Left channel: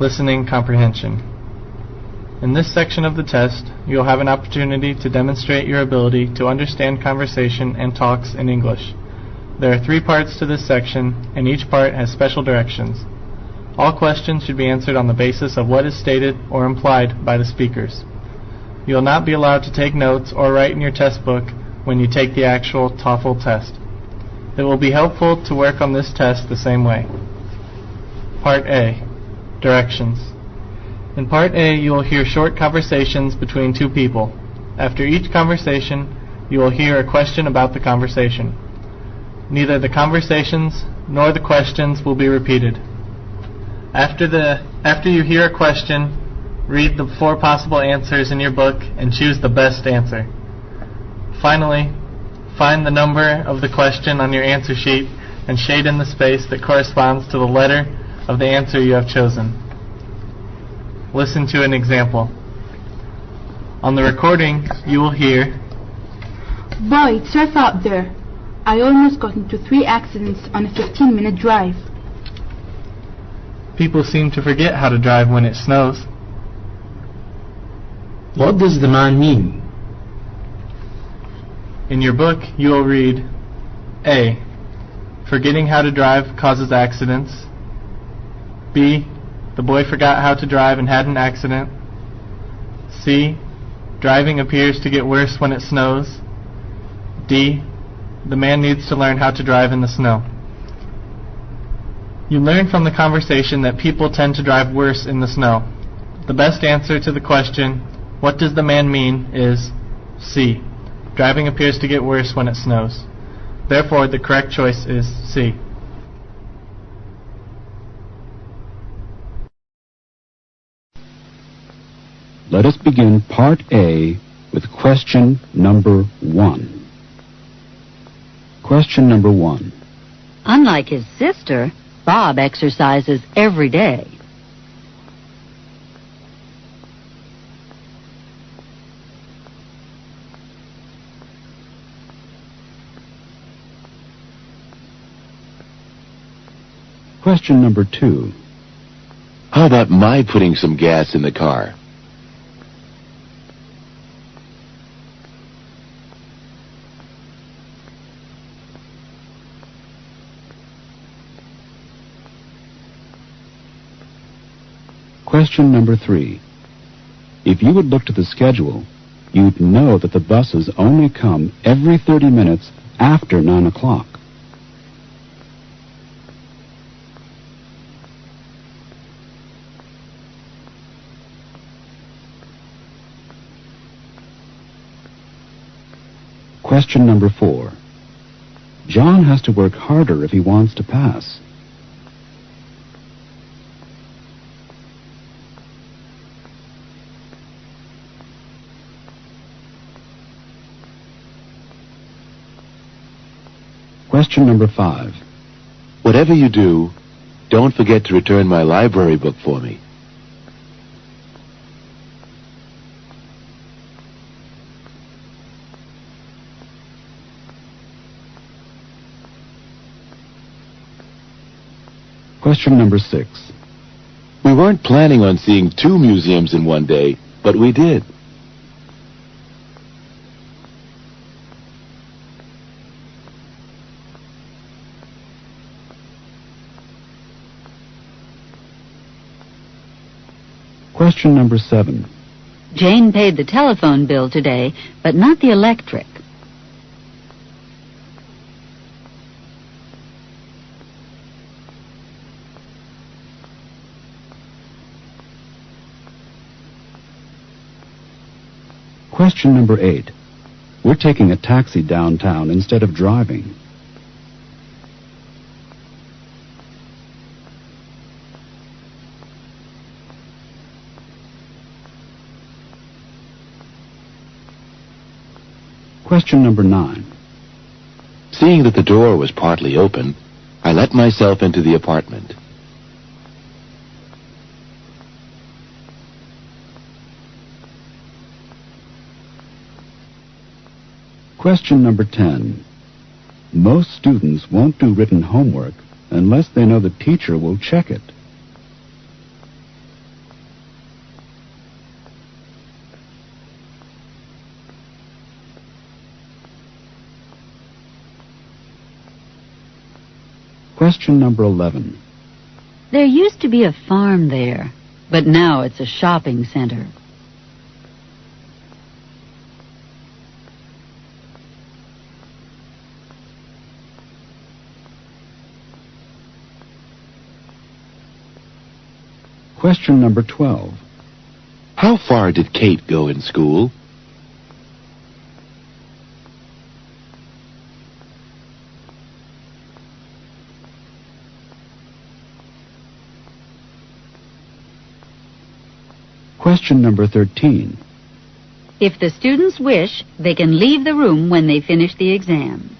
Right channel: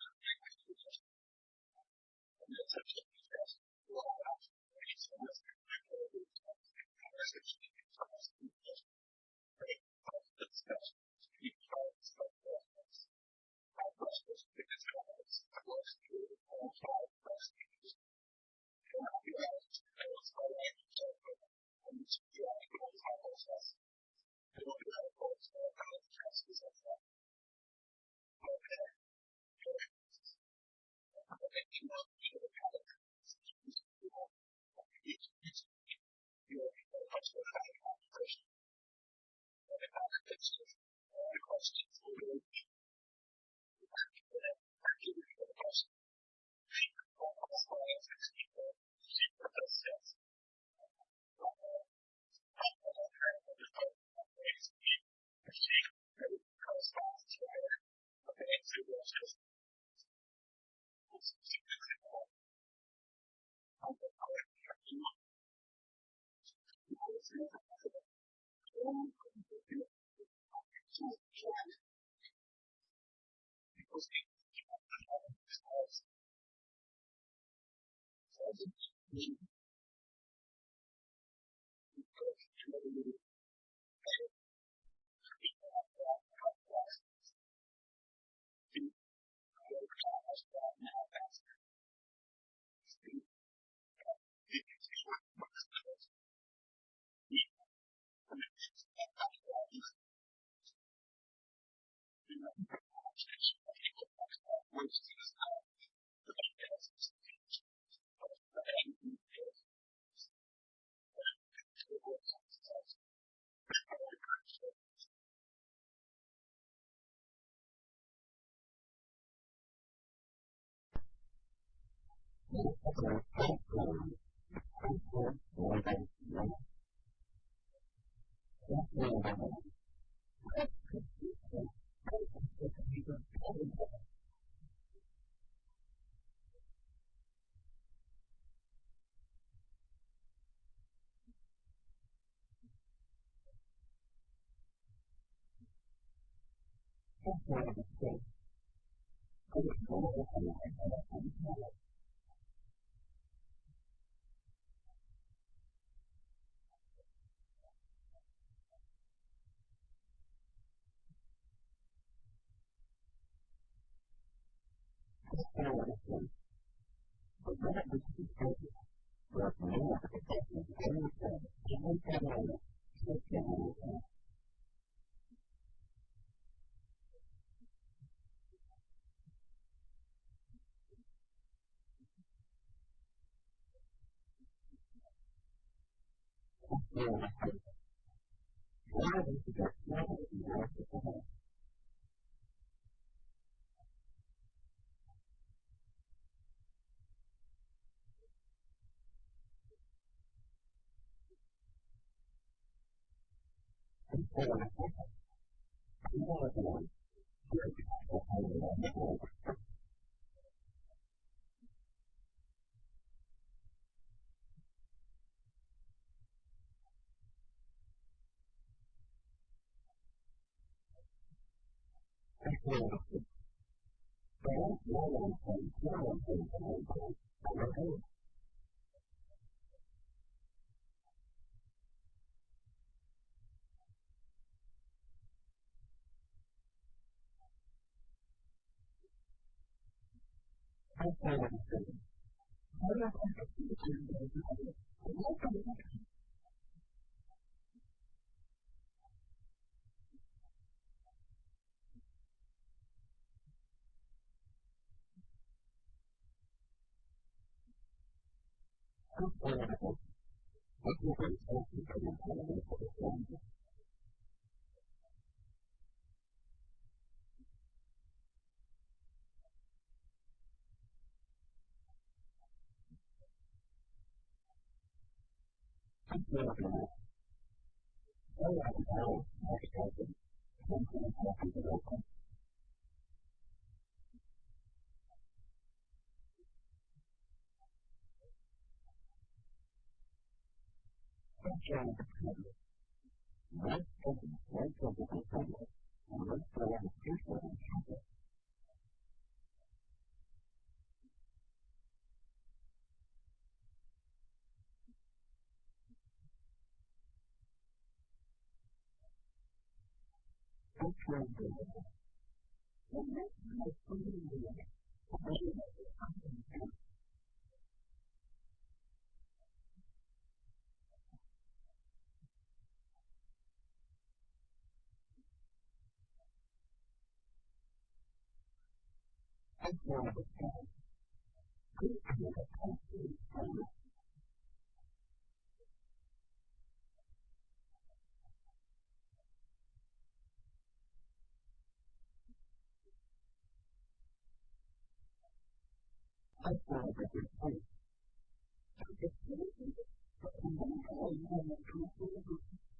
Listening Comprehension. In this section of the test, you will have an opportunity to demonstrate your ability to understand conversation and talks in English. There are 3 parts to this section, and each part has special directions. All questions should be answered on the basis of what is stated or implied by the speakers. You will not be allowed to take notes or write in your test book when you take the actual TOEFL test. It will be helpful to work on this test the same way. Part A. Directions. In Part A, you will hear short conversations between 2 people. After each conversation, you will hear a question about the conversation. Neither the conversations nor the questions will be repeated. After you hear a question, read the 4 possible answers in your book and choose the best answer. Finally, find the number of the question on your answer sheet and shade in the space that corresponds to the letter of the answer you have chosen. Listen to an example. On the recording, you will hear, "Boy, it's rough out there. I almost got into 3 accidents on a 15-minute drive." "People seem to forget how to drive when it snows." What does the man mean? In your book, you will read, A. Forgetting how to drive causes accidents. B. The boy forgot how to drive and had an accident. C. Driving appears to get worse when it snows. D. The man needs to learn how to drive in the snow. You learn from the conversation that people tend to drive worse in the snow. The best answer to the question, "What does the man mean?" is C. Driving appears to get worse when it snows. Therefore, the correct choice is C. Let us begin Part A with question number 1. Question number 1. Unlike his sister, Bob exercises every day. Question number 2. How about my putting some gas in the car? Question number 3. If you would look to the schedule, you'd know that the buses only come every 30 minutes after 9 o'clock. Question number 4. John has to work harder if he wants to pass. Question number 5. Whatever you do, don't forget to return my library book for me. Question number 6. We weren't planning on seeing 2 museums in one day, but we did. Question number 7. Jane paid the telephone bill today, but not the electric. Question number 8. We're taking a taxi downtown instead of driving. Question number 9. Seeing that the door was partly open, I let myself into the apartment. Question number 10. Most students won't do written homework unless they know the teacher will check it. Question number 11. There used to be a farm there, but now it's a shopping center. Question number 12. How far did Kate go in school? Question number 13. If the students wish, they can leave the room when they finish the exam.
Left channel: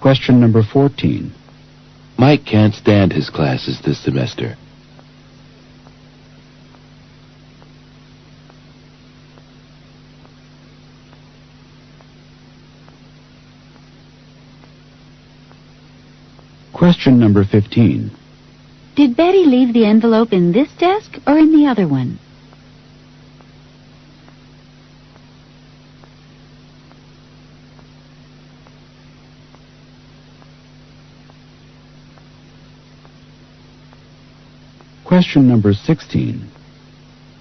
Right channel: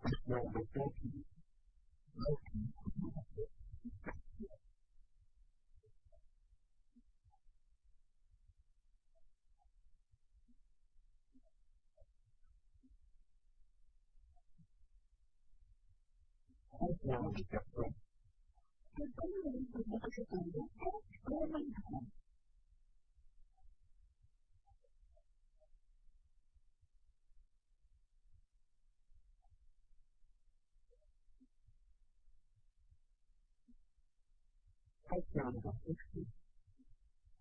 Question number 14. Mike can't stand his classes this semester. Question number 15. Did Betty leave the envelope in this desk or in the other one? Question number 16.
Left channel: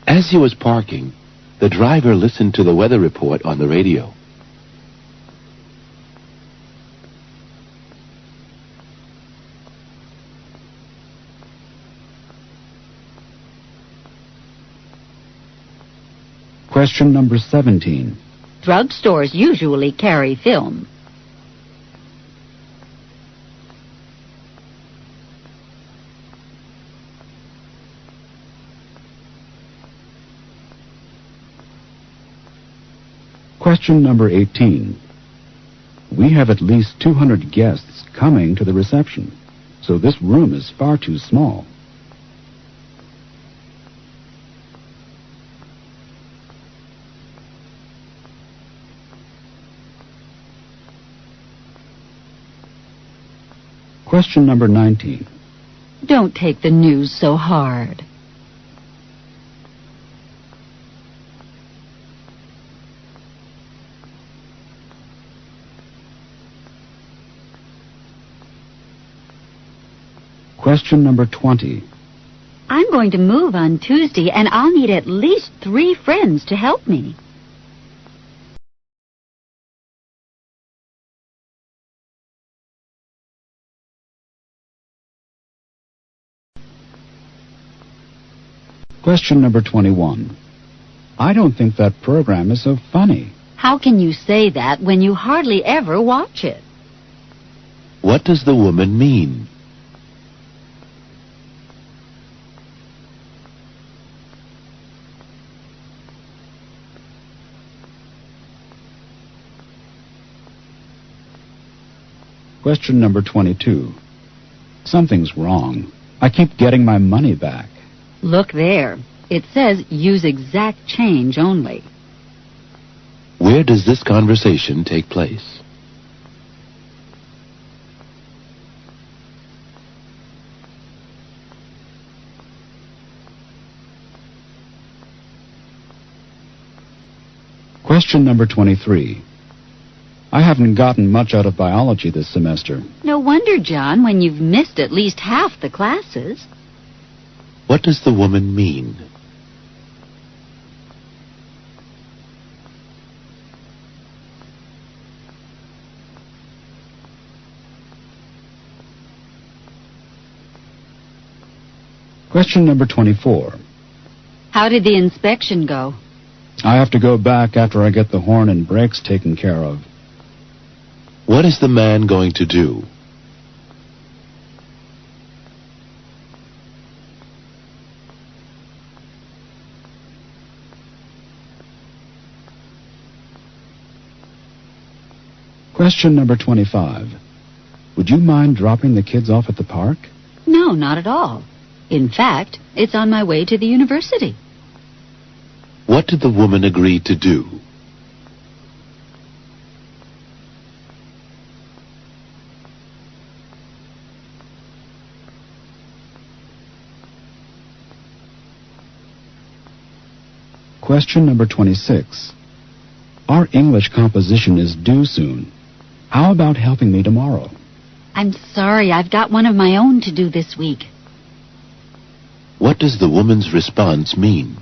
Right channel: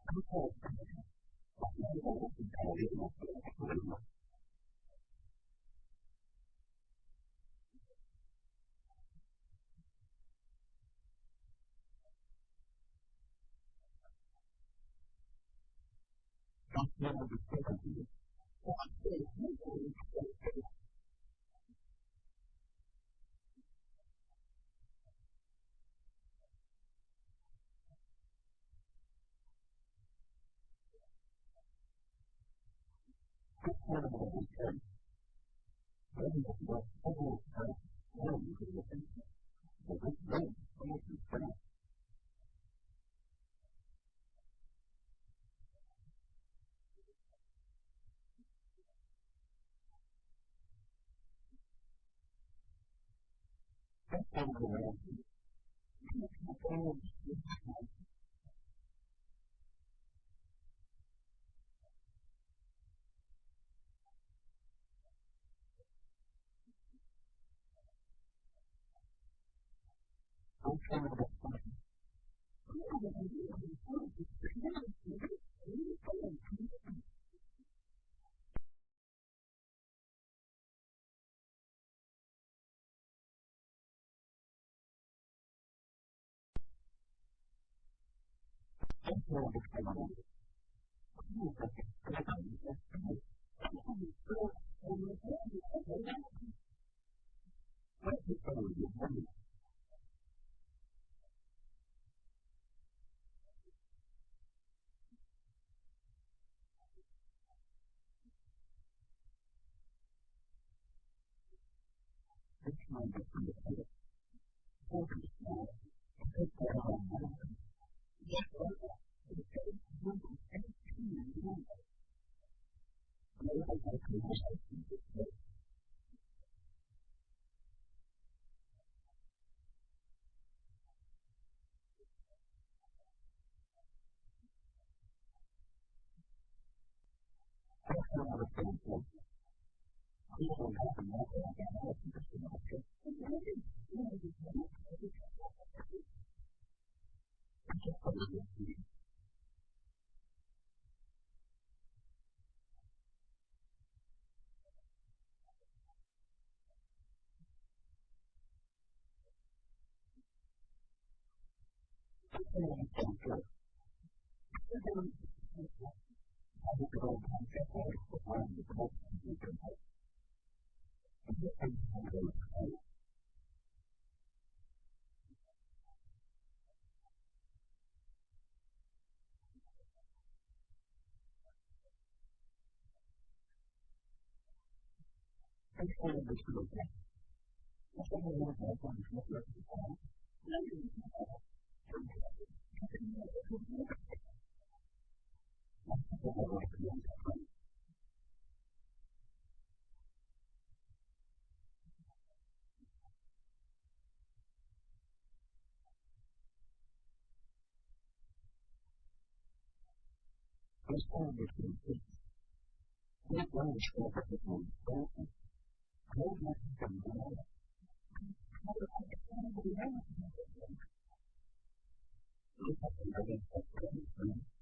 As he was parking, the driver listened to the weather report on the radio. Question number 17. Drugstores usually carry film. Question number 18. We have at least 200 guests coming to the reception, so this room is far too small. Question number 19. Don't take the news so hard. Question number 20. I'm going to move on Tuesday, and I'll need at least 3 friends to help me. Question number 21. I don't think that program is so funny. How can you say that when you hardly ever watch it? What does the woman mean? Question number 22. Something's wrong. I keep getting my money back. Look there. It says use exact change only. Where does this conversation take place? Question number 23. I haven't gotten much out of biology this semester. No wonder, John, when you've missed at least half the classes. What does the woman mean? Question number 24. How did the inspection go? I have to go back after I get the horn and brakes taken care of. What is the man going to do? Question number 25. Would you mind dropping the kids off at the park? No, not at all. In fact, it's on my way to the university. What did the woman agree to do? Question number 26. Our English composition is due soon. How about helping me tomorrow? I'm sorry, I've got one of my own to do this week. What does the woman's response mean?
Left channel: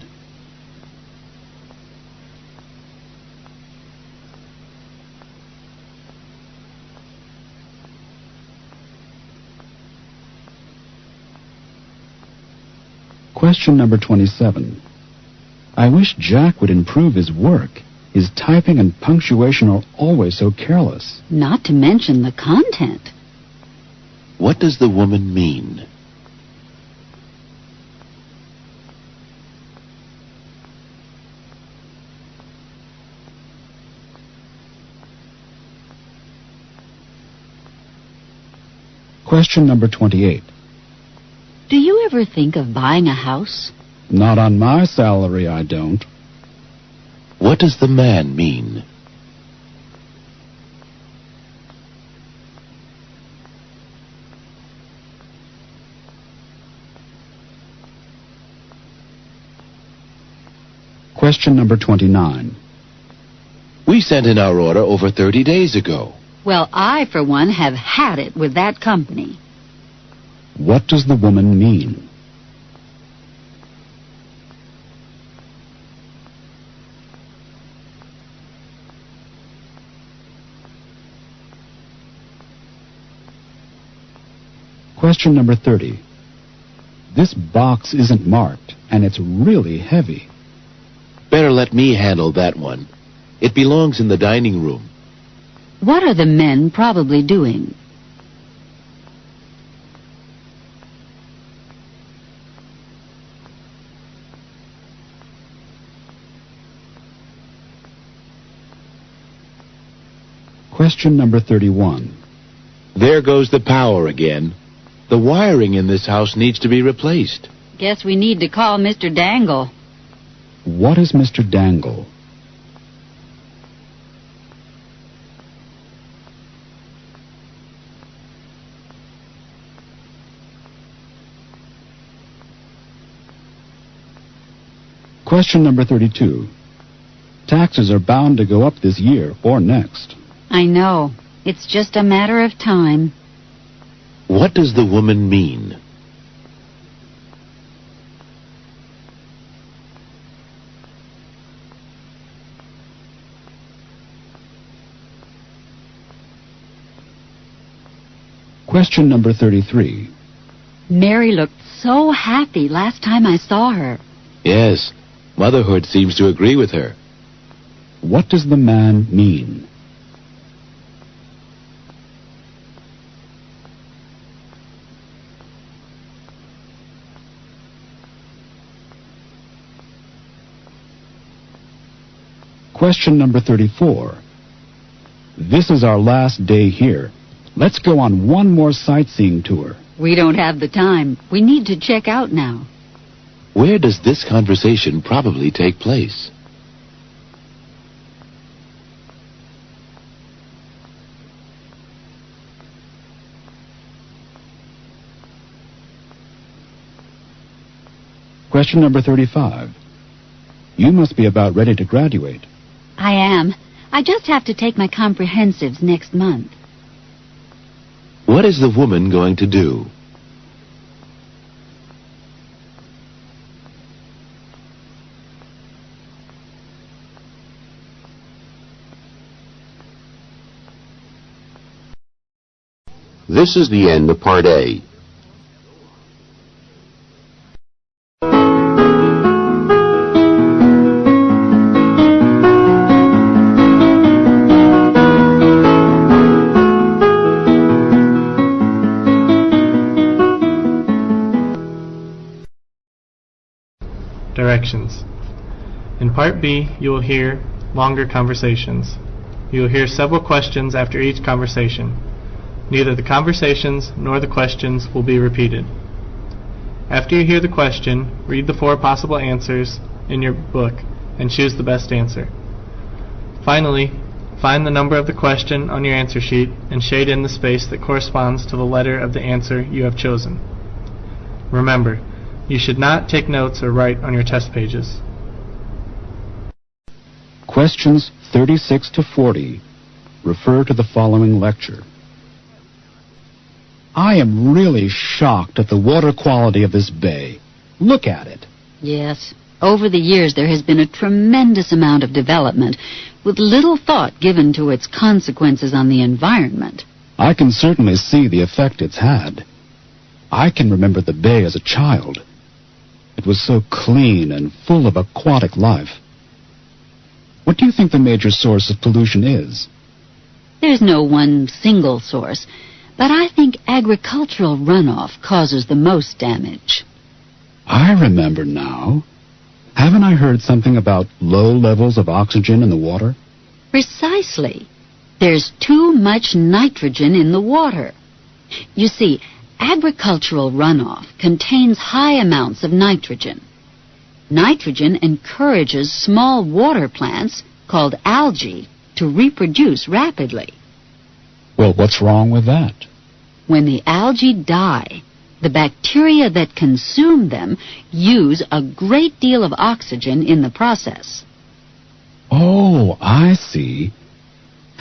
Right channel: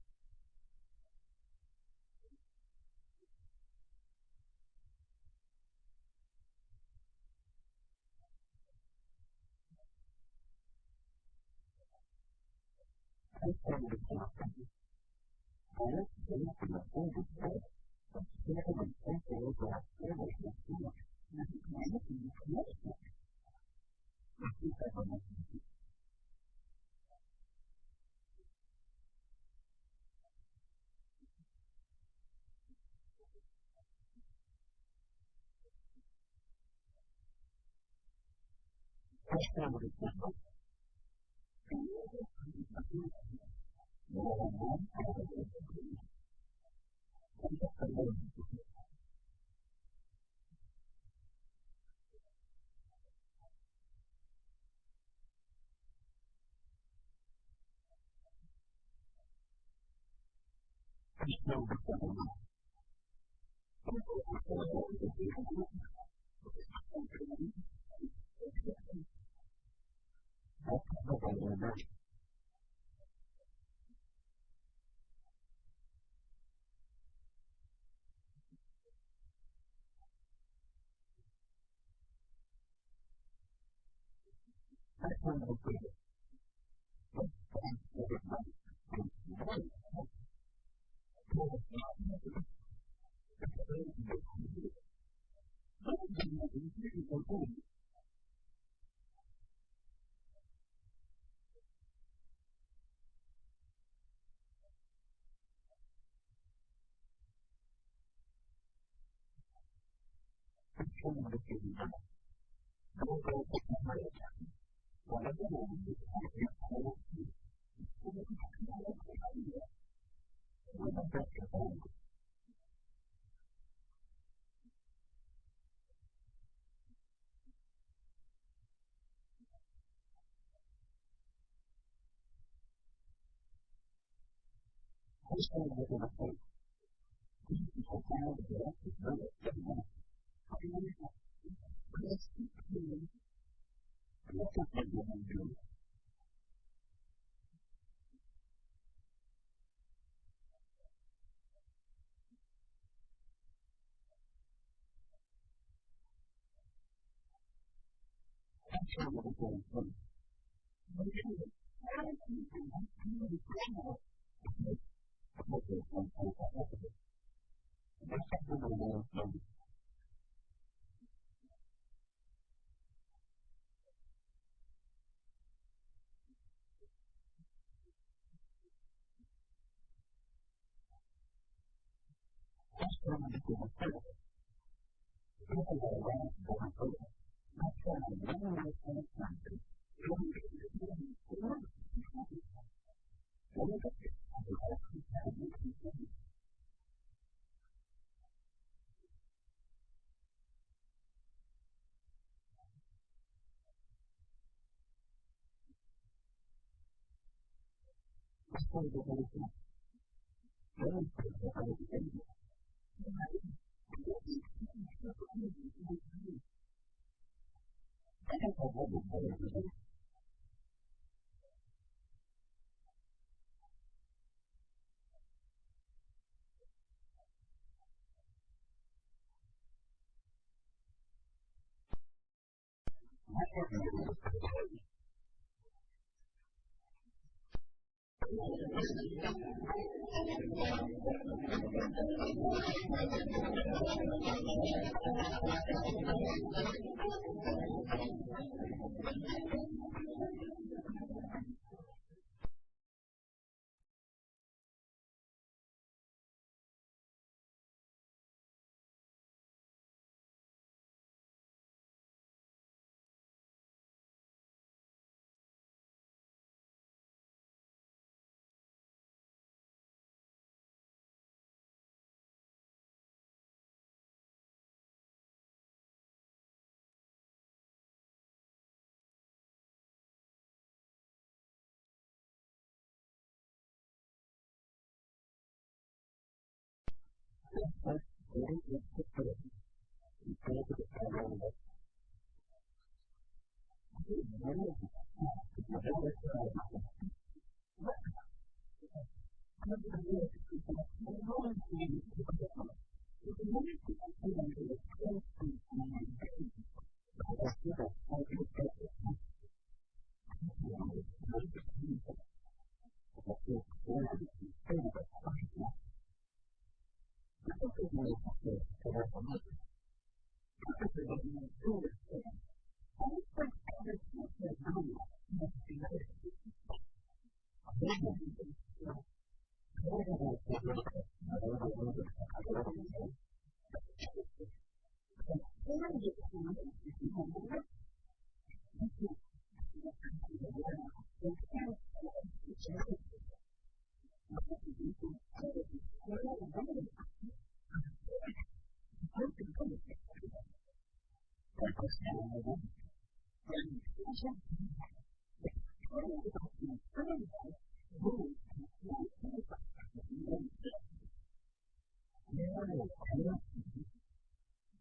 Question number 27. I wish Jack would improve his work. His typing and punctuation are always so careless. Not to mention the content. What does the woman mean? Question number 28. Do you ever think of buying a house? Not on my salary, I don't. What does the man mean? Question number 29. We sent in our order over 30 days ago. Well, I, for one, have had it with that company. What does the woman mean? Question number 30. This box isn't marked, and it's really heavy. Better let me handle that one. It belongs in the dining room. What are the men probably doing? Question number 31. There goes the power again. The wiring in this house needs to be replaced. Guess we need to call Mr. Dangle. What is Mr. Dangle? Question number 32. Taxes are bound to go up this year or next. I know. It's just a matter of time. What does the woman mean? Question number 33. Mary looked so happy last time I saw her. Yes, motherhood seems to agree with her. What does the man mean? Question number 34. This is our last day here. Let's go on one more sightseeing tour. We don't have the time. We need to check out now. Where does this conversation probably take place? Question number 35. You must be about ready to graduate. I am. I just have to take my comprehensives next month. What is the woman going to do? This is the end of Part A. Directions. In Part B, you will hear longer conversations. You will hear several questions after each conversation. Neither the conversations nor the questions will be repeated. After you hear the question, read the 4 possible answers in your book and choose the best answer. Finally, find the number of the question on your answer sheet and shade in the space that corresponds to the letter of the answer you have chosen. Remember, you should not take notes or write on your test pages. Questions 36 to 40 refer to the following lecture. I am really shocked at the water quality of this bay. Look at it. Yes. Over the years, there has been a tremendous amount of development, with little thought given to its consequences on the environment. I can certainly see the effect it's had. I can remember the bay as a child. It was so clean and full of aquatic life. What do you think the major source of pollution is? There's no one single source, but I think agricultural runoff causes the most damage. I remember now. Haven't I heard something about low levels of oxygen in the water? Precisely. There's too much nitrogen in the water. You see, agricultural runoff contains high amounts of nitrogen. Nitrogen encourages small water plants, called algae, to reproduce rapidly. Well, what's wrong with that? When the algae die, the bacteria that consume them use a great deal of oxygen in the process. Oh, I see.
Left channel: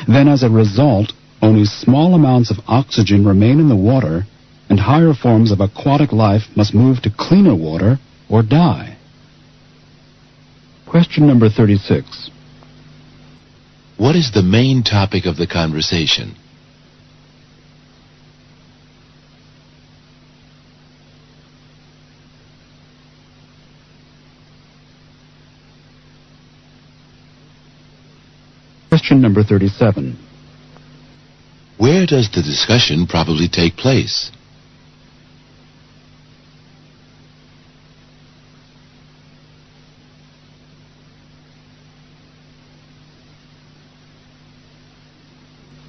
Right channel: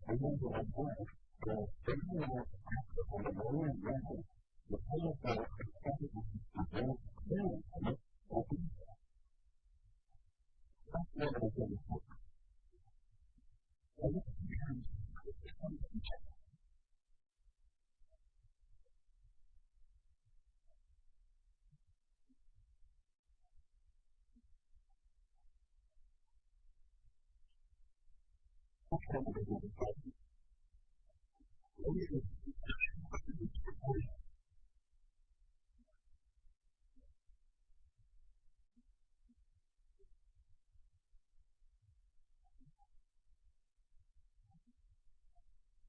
Then as a result, only small amounts of oxygen remain in the water, and higher forms of aquatic life must move to cleaner water or die. Question number 36. What is the main topic of the conversation? Question number 37. Where does the discussion probably take place?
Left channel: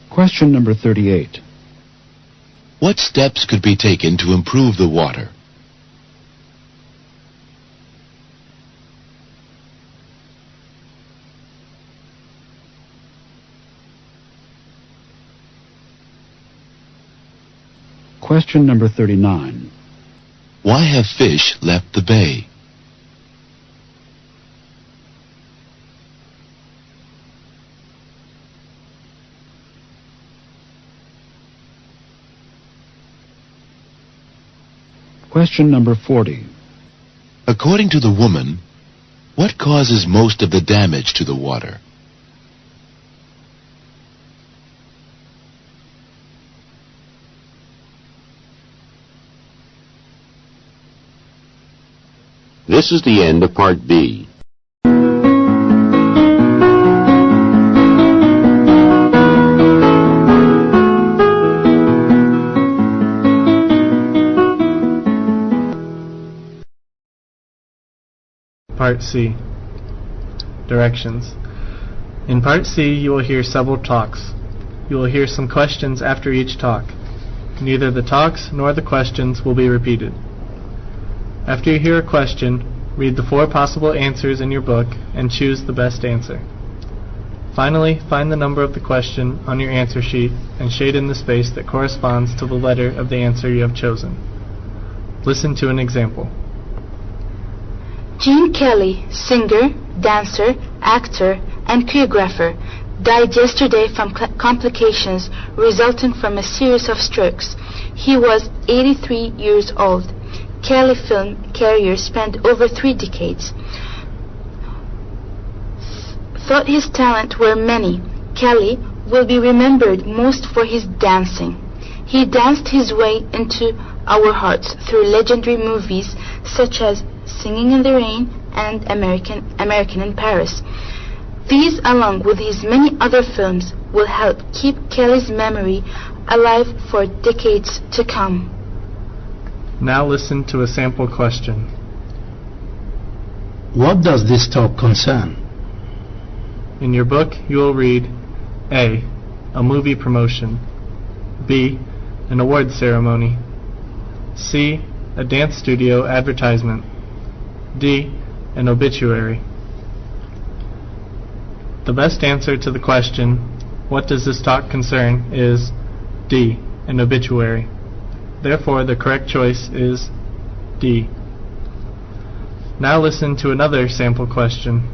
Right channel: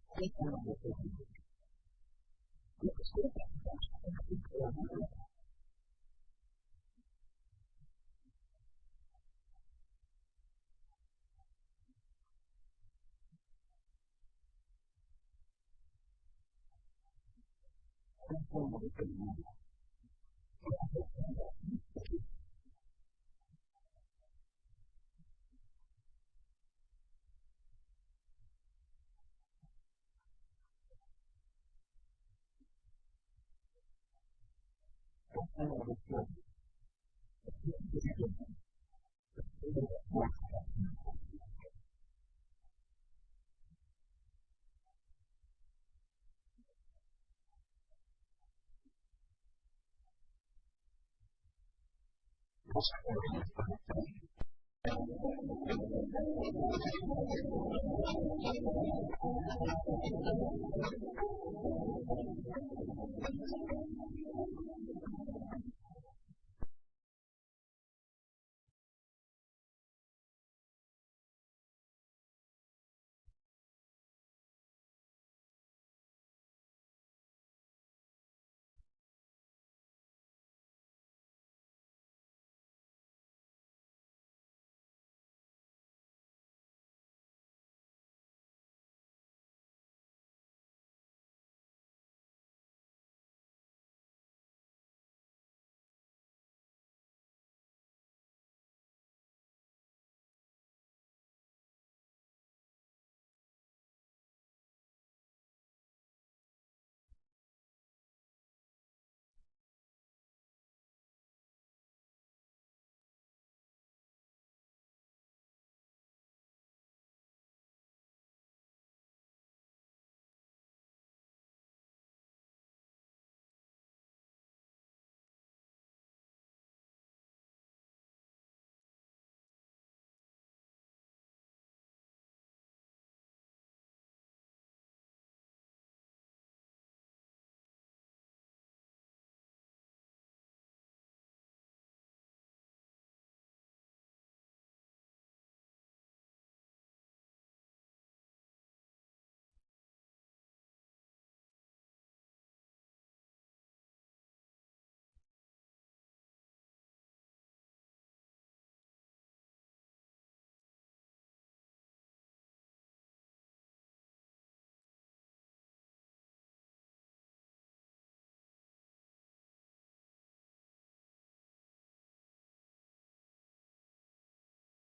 Question number 38. What steps could be taken to improve the water? Question number 39. Why have fish left the bay? Question number 40. According to the woman, what causes most of the damage to the water? This is the end of Part B. Part C. Directions. In Part C, you will hear several talks. You will hear some questions after each talk. Neither the talks nor the questions will be repeated. After you hear a question, read the 4 possible answers in your book and choose the best answer. Finally, find the number of the question on your answer sheet and shade in the space that corresponds to the letter of the answer you have chosen. Listen to an example. Gene Kelly, singer, dancer, actor, and choreographer, died yesterday from complications resulting from a series of strokes. He was 83 years old. Kelly film career spanned over 3 decades. Thought his talent were many, Kelly will be remembered most for his dancing. He danced his way into our hearts through legendary movies such as Singing in the Rain and American in Paris. These, along with his many other films, will help keep Kelly's memory alive for decades to come. Now listen to a sample question. What does this talk concern? In your book, you will read A. A movie promotion. B. An award ceremony. C. A dance studio advertisement. D. An obituary. The best answer to the question, what does this talk concern, is D. An obituary. Therefore, the correct choice is D. Now listen to another sample question.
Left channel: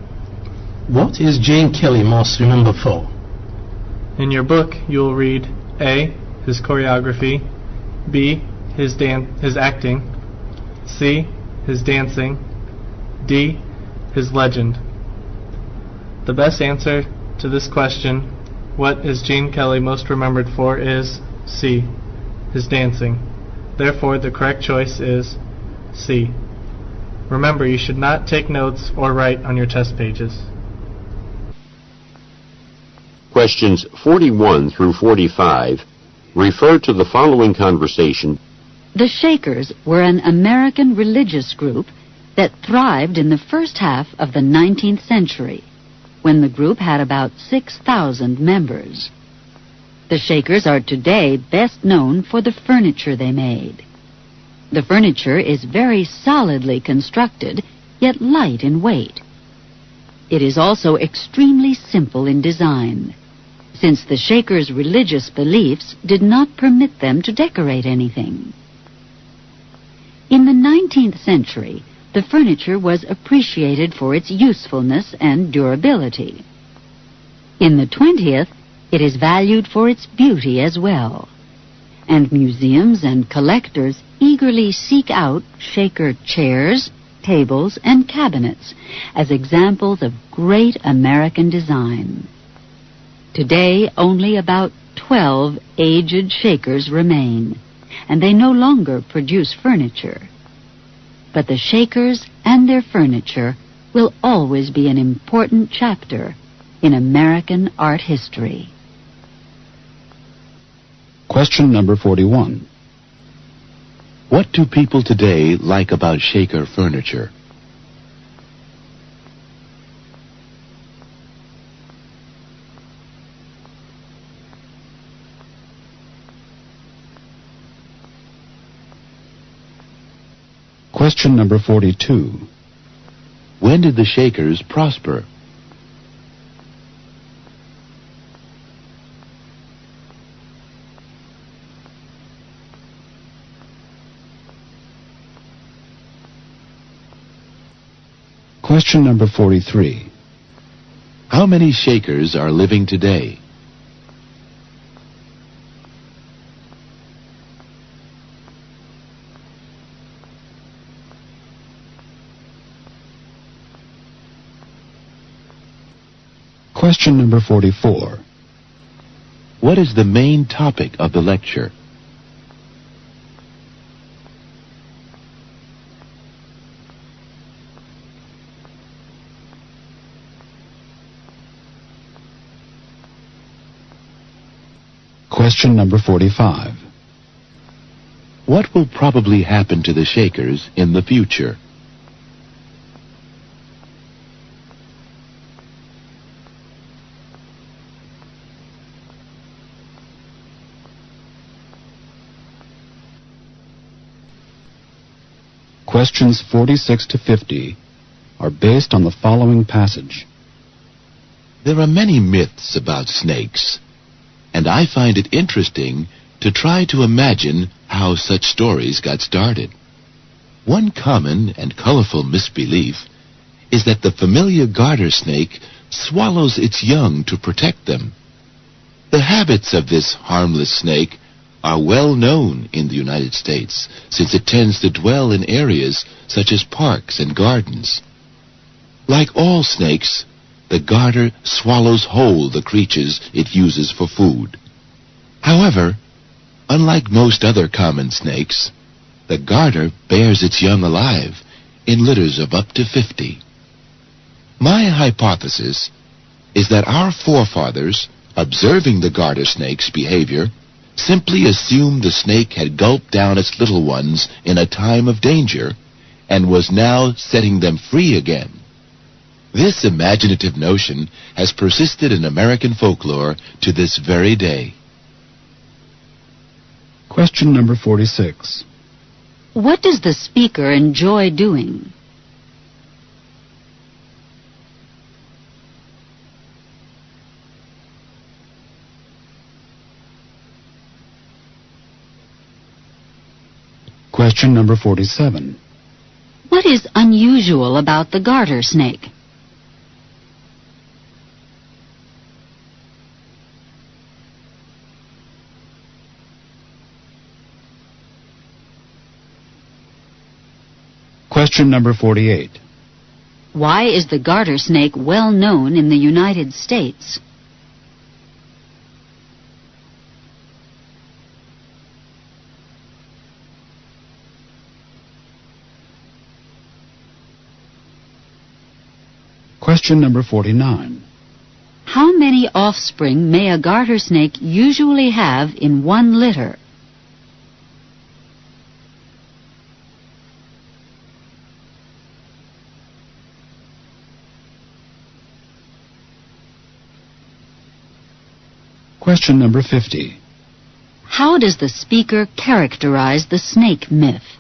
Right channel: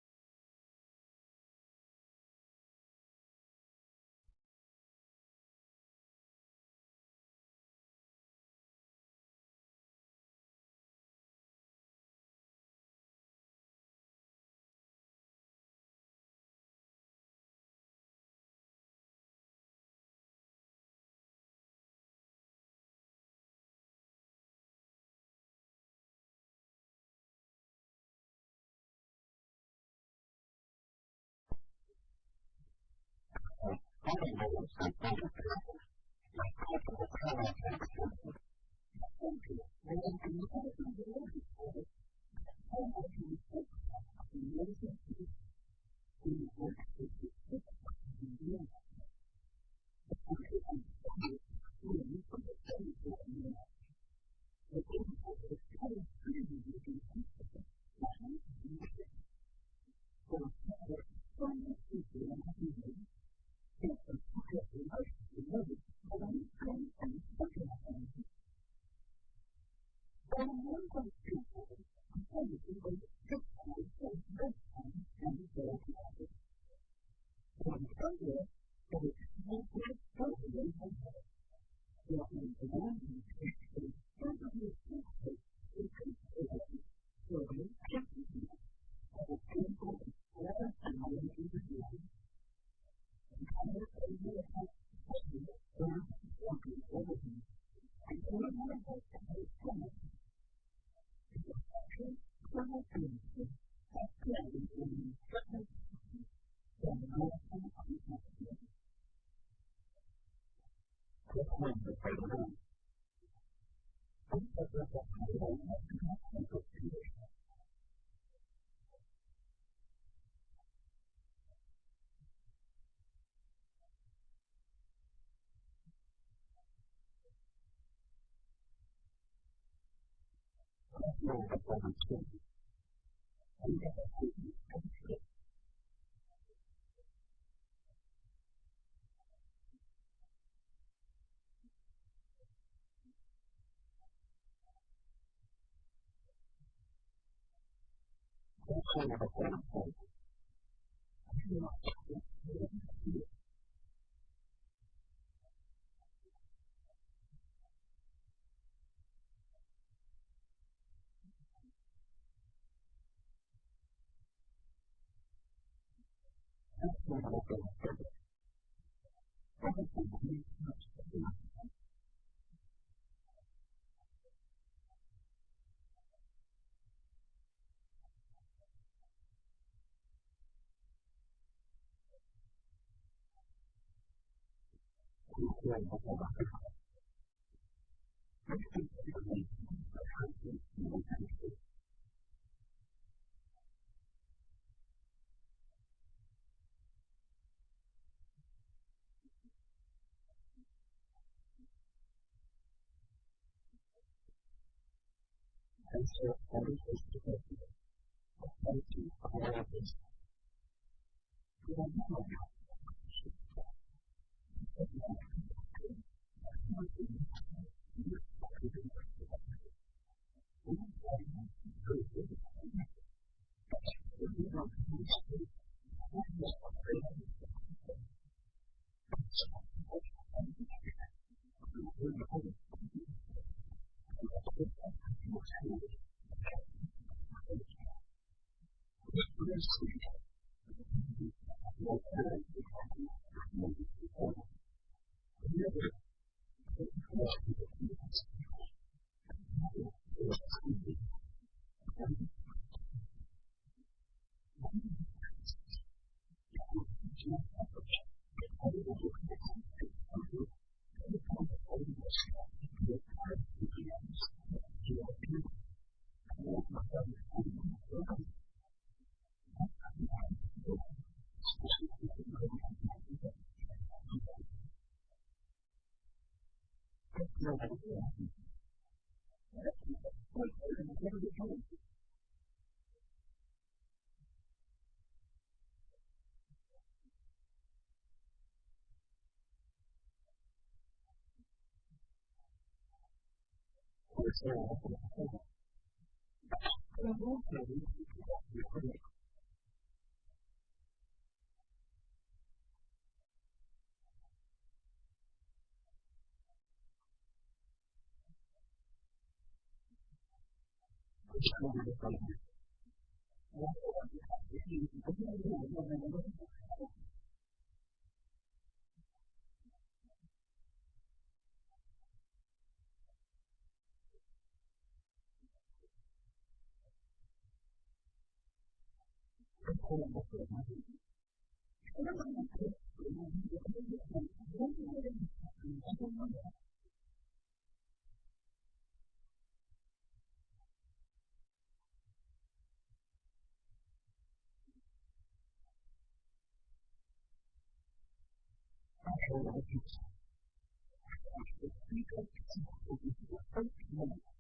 What is Jane Kelly most remembered for? In your book, you will read A, his choreography, B, his acting, C, his dancing, D, his legend. The best answer to this question, what is Jane Kelly most remembered for, is C, his dancing. Therefore, the correct choice is C. Remember, you should not take notes or write on your test pages. Questions 41 through 45 refer to the following conversation. The Shakers were an American religious group that thrived in the first half of the 19th century, when the group had about 6,000 members. The Shakers are today best known for the furniture they made. The furniture is very solidly constructed, yet light in weight. It is also extremely simple in design, since the Shakers' religious beliefs did not permit them to decorate anything. In the 19th century, the furniture was appreciated for its usefulness and durability. In the 20th, it is valued for its beauty as well, and museums and collectors eagerly seek out Shaker chairs, tables, and cabinets as examples of great American design. Today, only about 12 aged Shakers remain, and they no longer produce furniture. But the Shakers and their furniture will always be an important chapter in American art history. Question number 41. What do people today like about Shaker furniture? Question number 42. When did the Shakers prosper? Question number 43. How many Shakers are living today? Question number 44. What is the main topic of the lecture? Question number 45. What will probably happen to the Shakers in the future? Questions 46 to 50 are based on the following passage. There are many myths about snakes, and I find it interesting to try to imagine how such stories got started. One common and colorful misbelief is that the familiar garter snake swallows its young to protect them. The habits of this harmless snake are well known in the United States, since it tends to dwell in areas such as parks and gardens. Like all snakes, the garter swallows whole the creatures it uses for food. However, unlike most other common snakes, the garter bears its young alive in litters of up to 50. My hypothesis is that our forefathers, observing the garter snake's behavior, simply assumed the snake had gulped down its little ones in a time of danger and was now setting them free again. This imaginative notion has persisted in American folklore to this very day. Question number 46. What does the speaker enjoy doing? Question number 47. What is unusual about the garter snake? Question number 48. Why is the garter snake well known in the United States? Question number 49. How many offspring may a garter snake usually have in one litter? Question number 50. How does the speaker characterize the snake myth?